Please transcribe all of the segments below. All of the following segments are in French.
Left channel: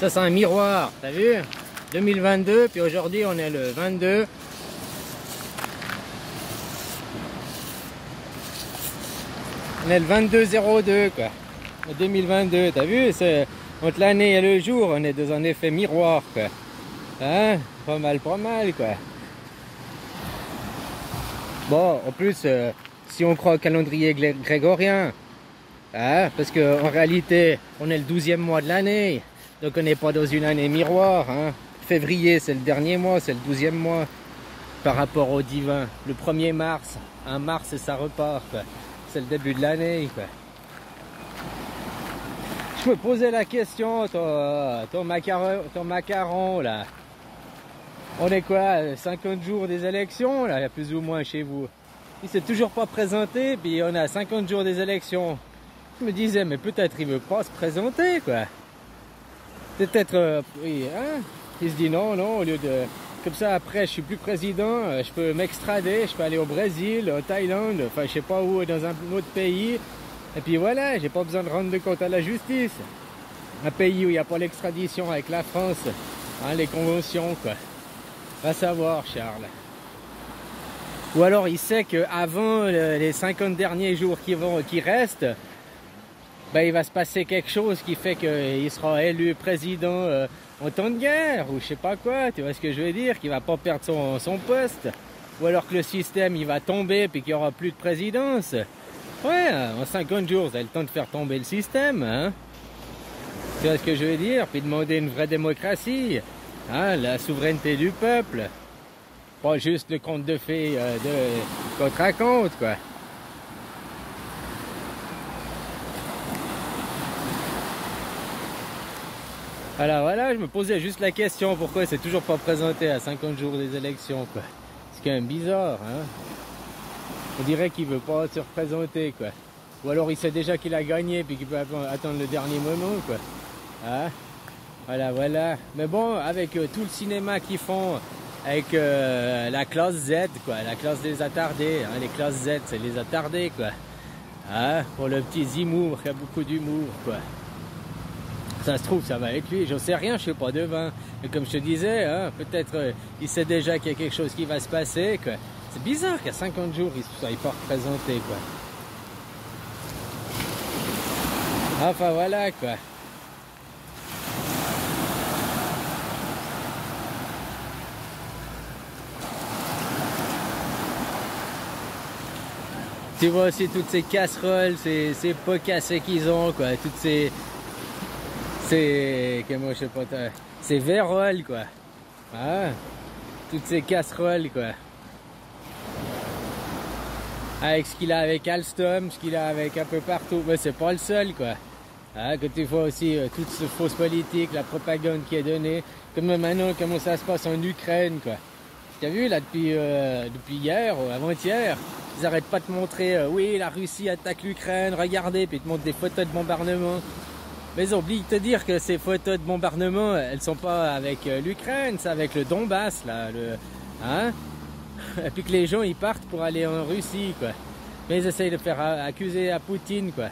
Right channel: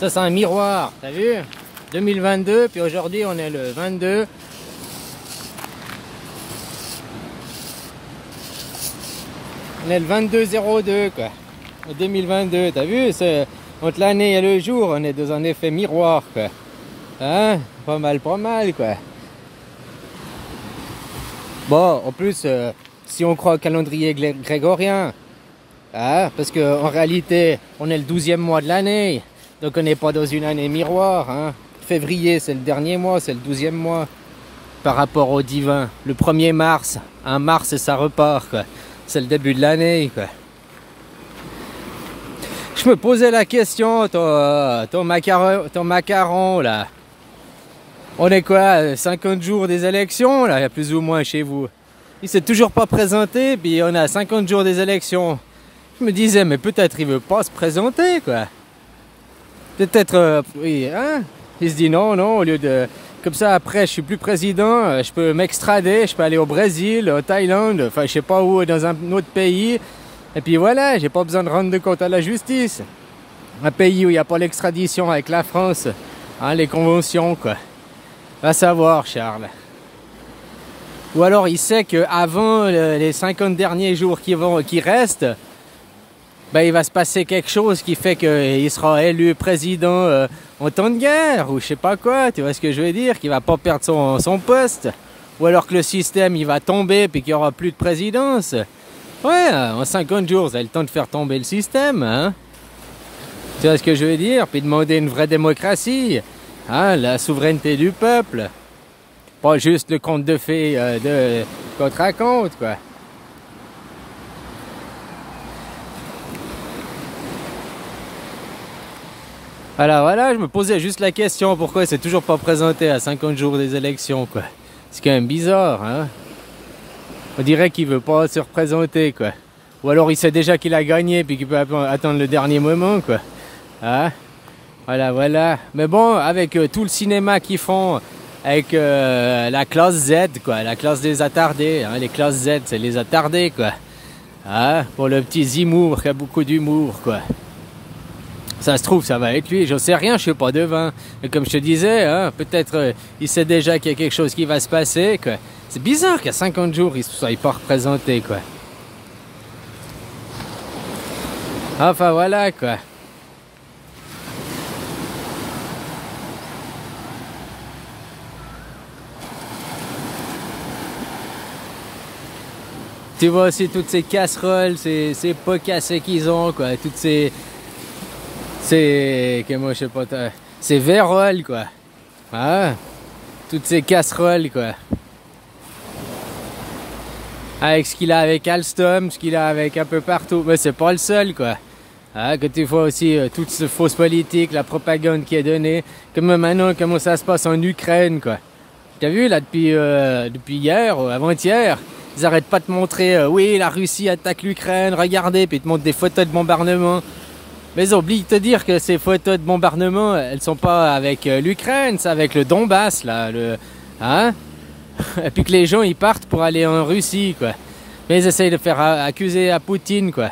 Ça c'est un miroir, t'as vu? 2022, puis aujourd'hui on est le 22. On est le 22-02 quoi. 2022, t'as vu? Entre l'année et le jour, on est dans un effet miroir quoi. Hein? Pas mal quoi. Bon, en plus, si on croit au calendrier grégorien, hein, parce qu'en réalité, on est le 12e mois de l'année, donc on n'est pas dans une année miroir. Hein. Février, c'est le dernier mois, c'est le 12e mois par rapport au divin. Le 1er mars, un mars et ça repart, quoi. C'est le début de l'année, quoi. Je me posais la question, ton macaron, là. On est quoi, 50 jours des élections, là, plus ou moins chez vous. Il s'est toujours pas présenté, puis on a 50 jours des élections. Je me disais, mais peut-être il veut pas se présenter, quoi. Peut-être, oui, hein. Il se dit non, au lieu de... Comme ça, après, je suis plus président, je peux m'extrader, je peux aller au Brésil, au Thaïlande, enfin, je sais pas où, dans un autre pays. Et puis voilà, j'ai pas besoin de rendre de compte à la justice. Un pays où il n'y a pas l'extradition avec la France, hein, les conventions, quoi. Va savoir, Charles. Ou alors, il sait qu'avant les 50 derniers jours qui restent, ben, il va se passer quelque chose qui fait qu'il sera élu président en temps de guerre, ou je sais pas quoi, tu vois ce que je veux dire, qu'il va pas perdre son poste, ou alors que le système il va tomber puis qu'il y aura plus de présidence. Ouais, en 50 jours, vous avez le temps de faire tomber le système, hein. Tu vois ce que je veux dire, puis demander une vraie démocratie, hein, la souveraineté du peuple, pas juste le conte de fées qu'on te raconte, quoi. Alors voilà, je me posais juste la question, pourquoi il s'est toujours pas présenté à 50 jours des élections, quoi. C'est quand même bizarre, hein. On dirait qu'il veut pas se représenter, quoi. Ou alors il sait déjà qu'il a gagné, puis qu'il peut attendre le dernier moment, quoi. Hein? Voilà. Mais bon, avec tout le cinéma qu'ils font, avec la classe Z, quoi, la classe des attardés, hein, les classes Z, c'est les attardés, quoi. Hein? Pour le petit Zemmour qui a beaucoup d'humour, quoi. Ça se trouve, ça va être lui. Je sais rien, je suis pas devin. Mais comme je te disais, hein, peut-être il sait déjà qu'il y a quelque chose qui va se passer, quoi. C'est bizarre qu'à 50 jours, il ne soit pas représenté, quoi. Enfin, voilà, quoi. Tu vois aussi toutes ces casseroles, ces pots cassés qu'ils ont, quoi. Toutes ces comment je sais pas, ces verroles, quoi. Ah, toutes ces casseroles, quoi. Avec ce qu'il a avec Alstom, ce qu'il a avec un peu partout. Mais c'est pas le seul, quoi. Ah, que tu vois aussi toute cette fausse politique, la propagande qui est donnée. Comme maintenant, comment ça se passe en Ukraine, quoi. T'as vu, là, depuis hier, avant-hier, ils arrêtent pas de montrer, oui, la Russie attaque l'Ukraine, regardez, puis ils te montrent des photos de bombardement. Mais ils oublient de te dire que ces photos de bombardement, elles sont pas avec l'Ukraine, c'est avec le Donbass, là, hein? Et puis que les gens, ils partent pour aller en Russie, quoi. Mais ils essayent de faire accuser à Poutine, quoi.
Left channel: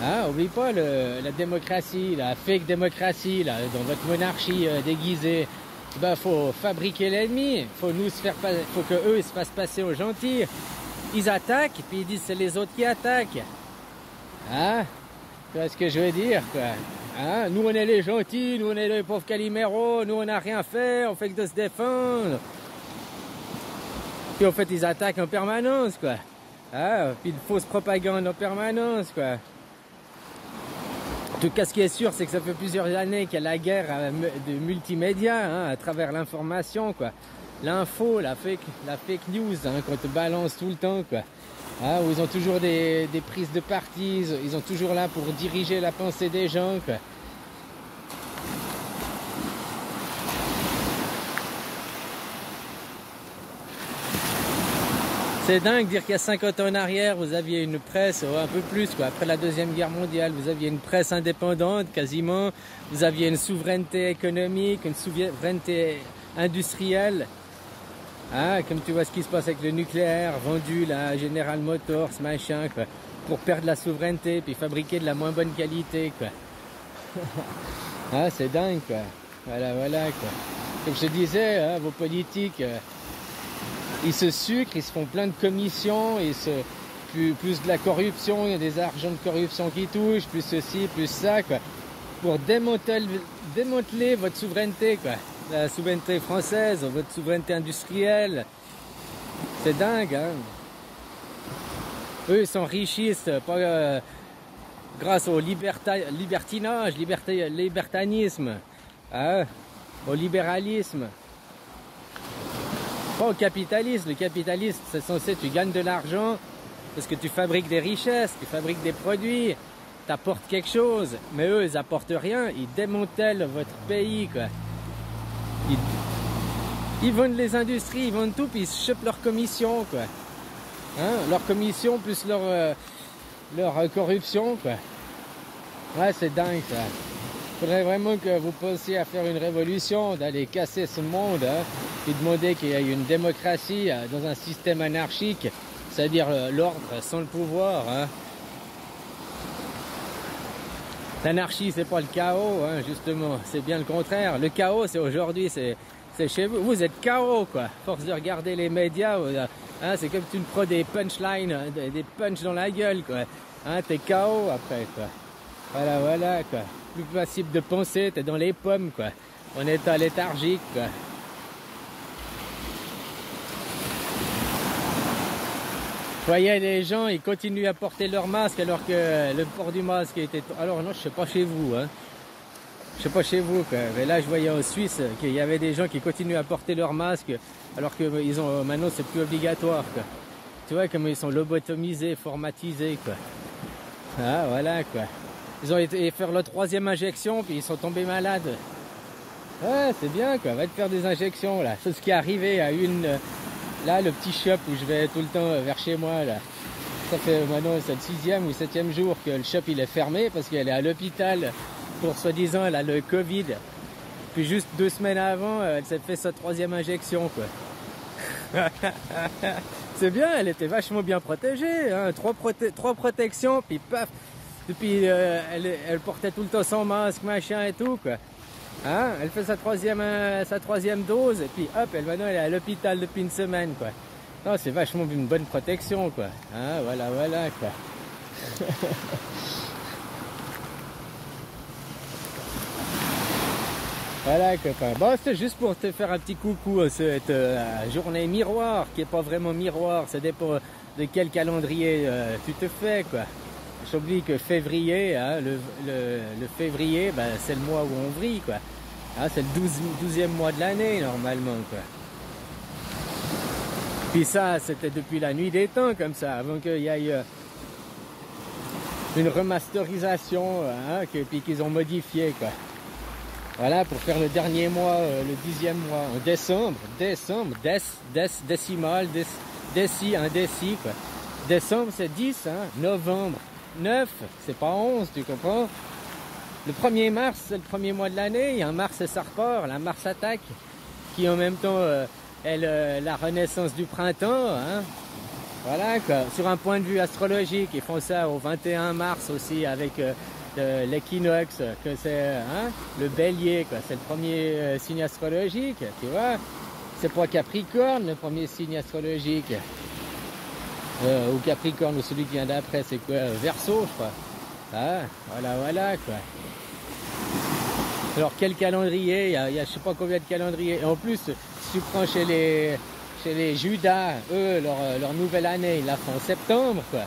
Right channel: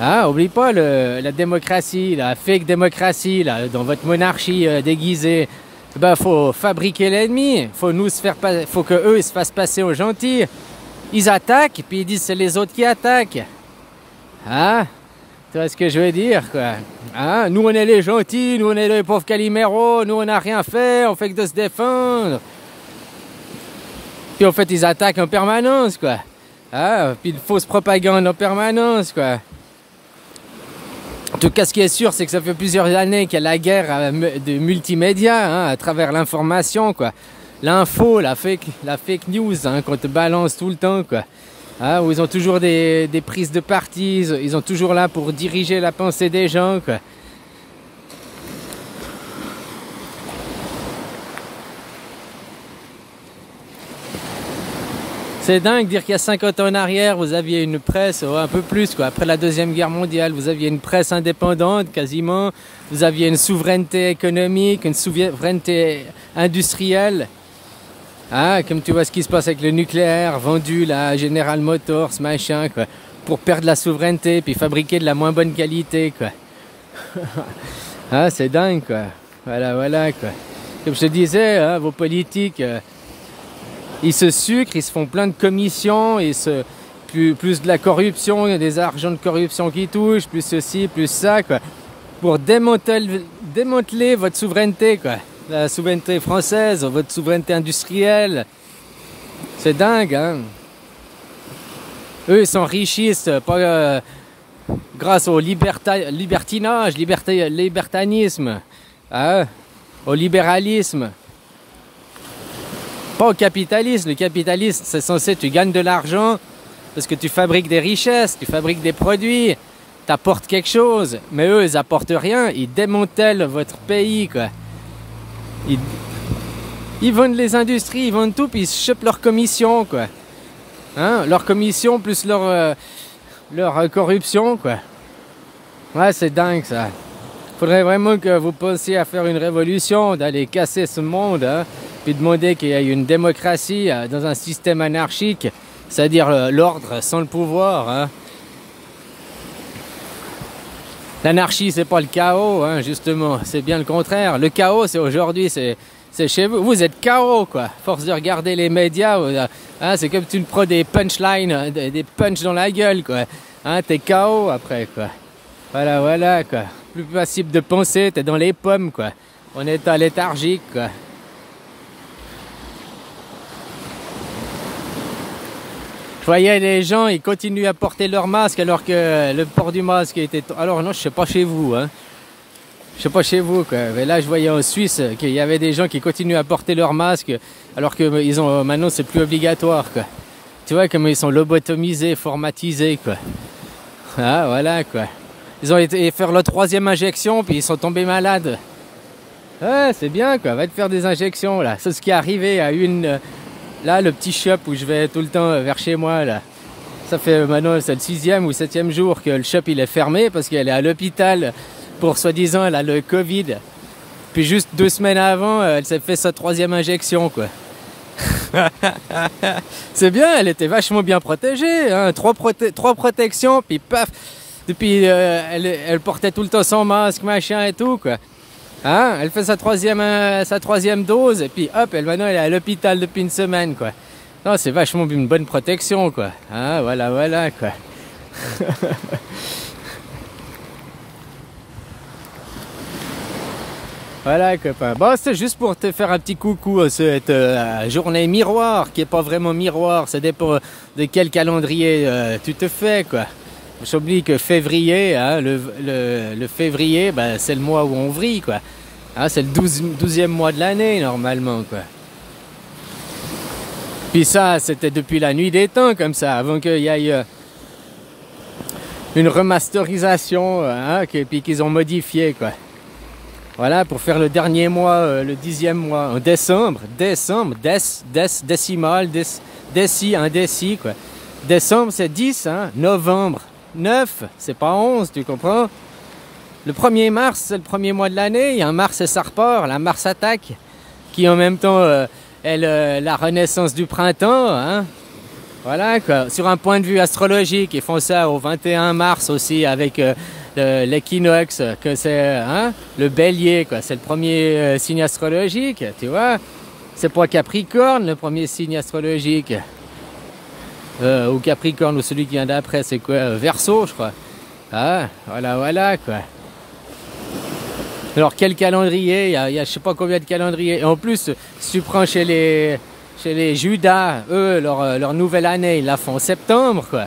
Hein? Oublie pas la démocratie, la fake démocratie, là, dans votre monarchie déguisée. Ben, faut fabriquer l'ennemi, faut que eux, ils se fassent passer aux gentils. Ils attaquent, puis ils disent c'est les autres qui attaquent. Hein? Tu vois ce que je veux dire, quoi. Hein? Nous, on est les gentils, nous, on est les pauvres caliméros, nous, on n'a rien fait, on fait que de se défendre. Puis, en fait, ils attaquent en permanence, quoi. Hein? Puis, de fausses propagandes en permanence, quoi. En tout cas, ce qui est sûr, c'est que ça fait plusieurs années qu'il y a la guerre de multimédia, hein, à travers l'information, quoi. L'info, la fake news, hein, qu'on te balance tout le temps, quoi. Hein, où ils ont toujours des prises de parti, ils sont toujours là pour diriger la pensée des gens, quoi. C'est dingue de dire qu'il y a 50 ans en arrière, vous aviez une presse, un peu plus, quoi. Après la Deuxième Guerre mondiale, vous aviez une presse indépendante, quasiment. Vous aviez une souveraineté économique, une souveraineté industrielle. Hein, comme tu vois ce qui se passe avec le nucléaire, vendu là, à General Motors, machin, quoi. Pour perdre la souveraineté, puis fabriquer de la moins bonne qualité, quoi. Ah, c'est dingue, quoi. Voilà, voilà, quoi. Comme je te disais, hein, vos politiques, ils se sucrent, ils se font plein de commissions, plus de la corruption, il y a des argents de corruption qui touchent, plus ceci, plus ça, quoi. Pour démanteler votre souveraineté, quoi. La souveraineté française, votre souveraineté industrielle. C'est dingue, hein. Eux, ils s'enrichissent pas grâce au libertinage, libertanisme, hein, au libéralisme. Pas au capitalisme. Le capitalisme, c'est censé, tu gagnes de l'argent parce que tu fabriques des richesses, tu fabriques des produits, tu apportes quelque chose. Mais eux, ils apportent rien, ils démantèlent votre pays, quoi. Ils vendent les industries, ils vendent tout, puis ils chopent leur commission, quoi. Hein, leur commission plus leur corruption, quoi. Ouais, c'est dingue, ça. Faudrait vraiment que vous pensiez à faire une révolution, d'aller casser ce monde, hein, puis demander qu'il y ait une démocratie dans un système anarchique, c'est-à-dire l'ordre sans le pouvoir, hein. L'anarchie, c'est pas le chaos, hein, justement, c'est bien le contraire. Le chaos, c'est aujourd'hui, c'est chez vous. Vous êtes chaos, quoi. Force de regarder les médias, hein, c'est comme tu me prends des punchlines, des punchs dans la gueule, quoi. Hein, t'es chaos après, quoi. Voilà, voilà, quoi. Plus possible de penser, t'es dans les pommes, quoi. En état léthargique, quoi. Je voyais les gens, ils continuent à porter leur masque alors que le port du masque était... Alors non, je sais pas chez vous, hein. Je sais pas chez vous, quoi. Mais là, je voyais en Suisse qu'il y avait des gens qui continuent à porter leur masque alors que ils ont maintenant c'est plus obligatoire, quoi. Tu vois comme ils sont lobotomisés, formatisés, quoi. Ah, voilà, quoi. Ils ont été faire leur 3e injection puis ils sont tombés malades. Ouais, c'est bien, quoi. Va te faire des injections, là. C'est ce qui est arrivé à une... Là, le petit shop où je vais tout le temps vers chez moi, là. Ça fait maintenant, c'est le 6e ou 7e jour que le shop, il est fermé parce qu'elle est à l'hôpital pour, soi-disant, elle a le Covid. Puis juste 2 semaines avant, elle s'est fait sa 3e injection, quoi. C'est bien, elle était vachement bien protégée, hein. 3 protections, puis paf. Depuis, elle portait tout le temps son masque, machin et tout, quoi. Hein? Elle fait sa troisième dose, et puis hop, maintenant elle est à l'hôpital depuis une semaine, quoi. Non, c'est vachement une bonne protection, quoi. Hein? Voilà, voilà, quoi. Voilà, copain. Bon, c'est juste pour te faire un petit coucou à cette journée miroir, qui est pas vraiment miroir. Ça dépend de quel calendrier tu te fais, quoi. J'oublie que février, hein, le février, ben, c'est le mois où on vrille, quoi. Hein, c'est le 12e mois de l'année, normalement, quoi. Puis ça, c'était depuis la nuit des temps, comme ça, avant qu'il y ait une remasterisation, hein, puis qu'ils ont modifié, quoi. Voilà, pour faire le dernier mois, le 10e mois, en décembre, décimal, un déci, quoi. Décembre, c'est 10, hein, novembre, 9, c'est pas 11, tu comprends? Le 1er mars, c'est le premier mois de l'année, il y a un Mars et ça repart, la Mars attaque, qui en même temps est la renaissance du printemps, hein. Voilà, quoi. Sur un point de vue astrologique, ils font ça au 21 mars aussi avec l'équinoxe, que c'est hein, le bélier, quoi. C'est le premier signe astrologique, tu vois. C'est pas Capricorne, le premier signe astrologique. Ou Capricorne, ou celui qui vient d'après, c'est quoi? Verseau, je crois. Ah, voilà, voilà, quoi. Alors, quel calendrier? Il y a je sais pas combien de calendriers. Et en plus, si tu prends chez les Judas, eux, leur nouvelle année, ils la font en septembre, quoi.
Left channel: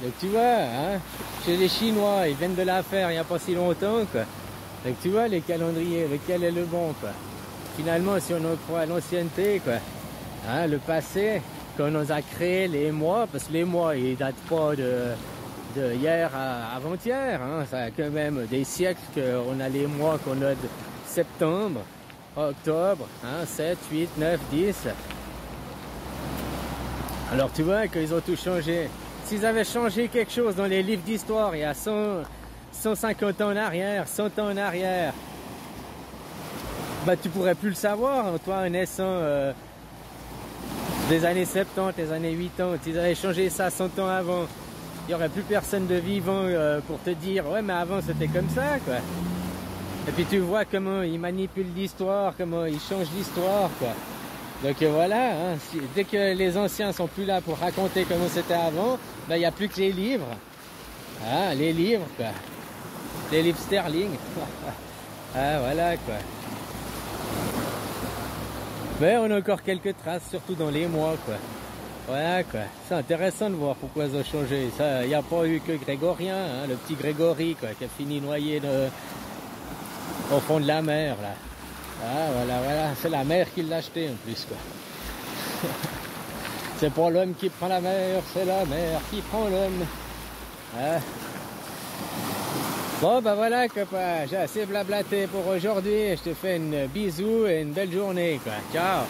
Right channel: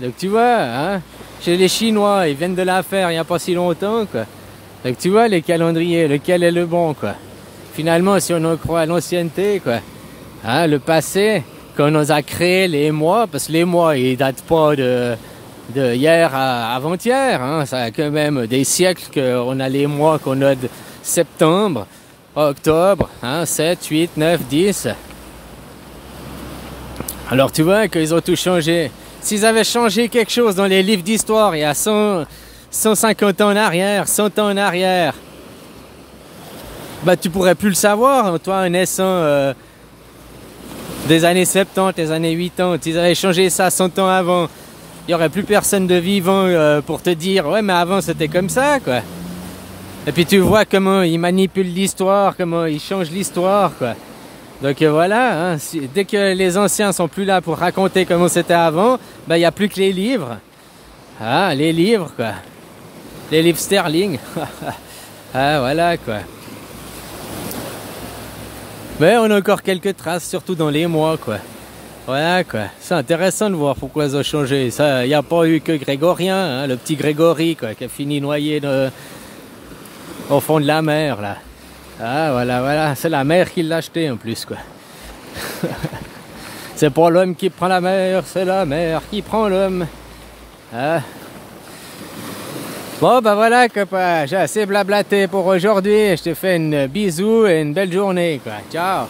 Donc, tu vois, hein, chez les Chinois, ils viennent de la faire il n'y a pas si longtemps, quoi. Donc, tu vois, les calendriers, lequel est le bon, quoi. Finalement, si on en croit à l'ancienneté, quoi, hein, le passé, quand on nous a créé les mois, parce que les mois, ils datent pas de hier à avant-hier, hein, ça a quand même des siècles qu'on a les mois qu'on a de septembre, octobre, hein, 7, 8, 9, 10. Alors tu vois qu'ils ont tout changé. S'ils avaient changé quelque chose dans les livres d'histoire il y a 150 ans en arrière, 100 ans en arrière, bah tu pourrais plus le savoir, toi naissant des années 70, des années 80, s'ils avaient changé ça 100 ans avant, il n'y aurait plus personne de vivant pour te dire ouais mais avant c'était comme ça, quoi. Et puis tu vois comment il manipule l'histoire, comment il change l'histoire, quoi. Donc voilà, hein, dès que les anciens sont plus là pour raconter comment c'était avant, ben il n'y a plus que les livres. Ah, les livres, quoi. Les livres sterling. Ah, voilà, quoi. Mais on a encore quelques traces, surtout dans les mois, quoi. Voilà, quoi. C'est intéressant de voir pourquoi ils ont changé. Ça, il n'y a pas eu que Grégorien, hein, le petit Grégory, quoi, qui a fini noyé au fond de la mer, là. Ah, voilà, voilà. C'est la mer qui l'a acheté, en plus, quoi. C'est pas l'homme qui prend la mer, c'est la mer qui prend l'homme. Ah. Bon, ben voilà, copain. J'ai assez blablaté pour aujourd'hui. Je te fais une bisou et une belle journée, quoi. Ciao.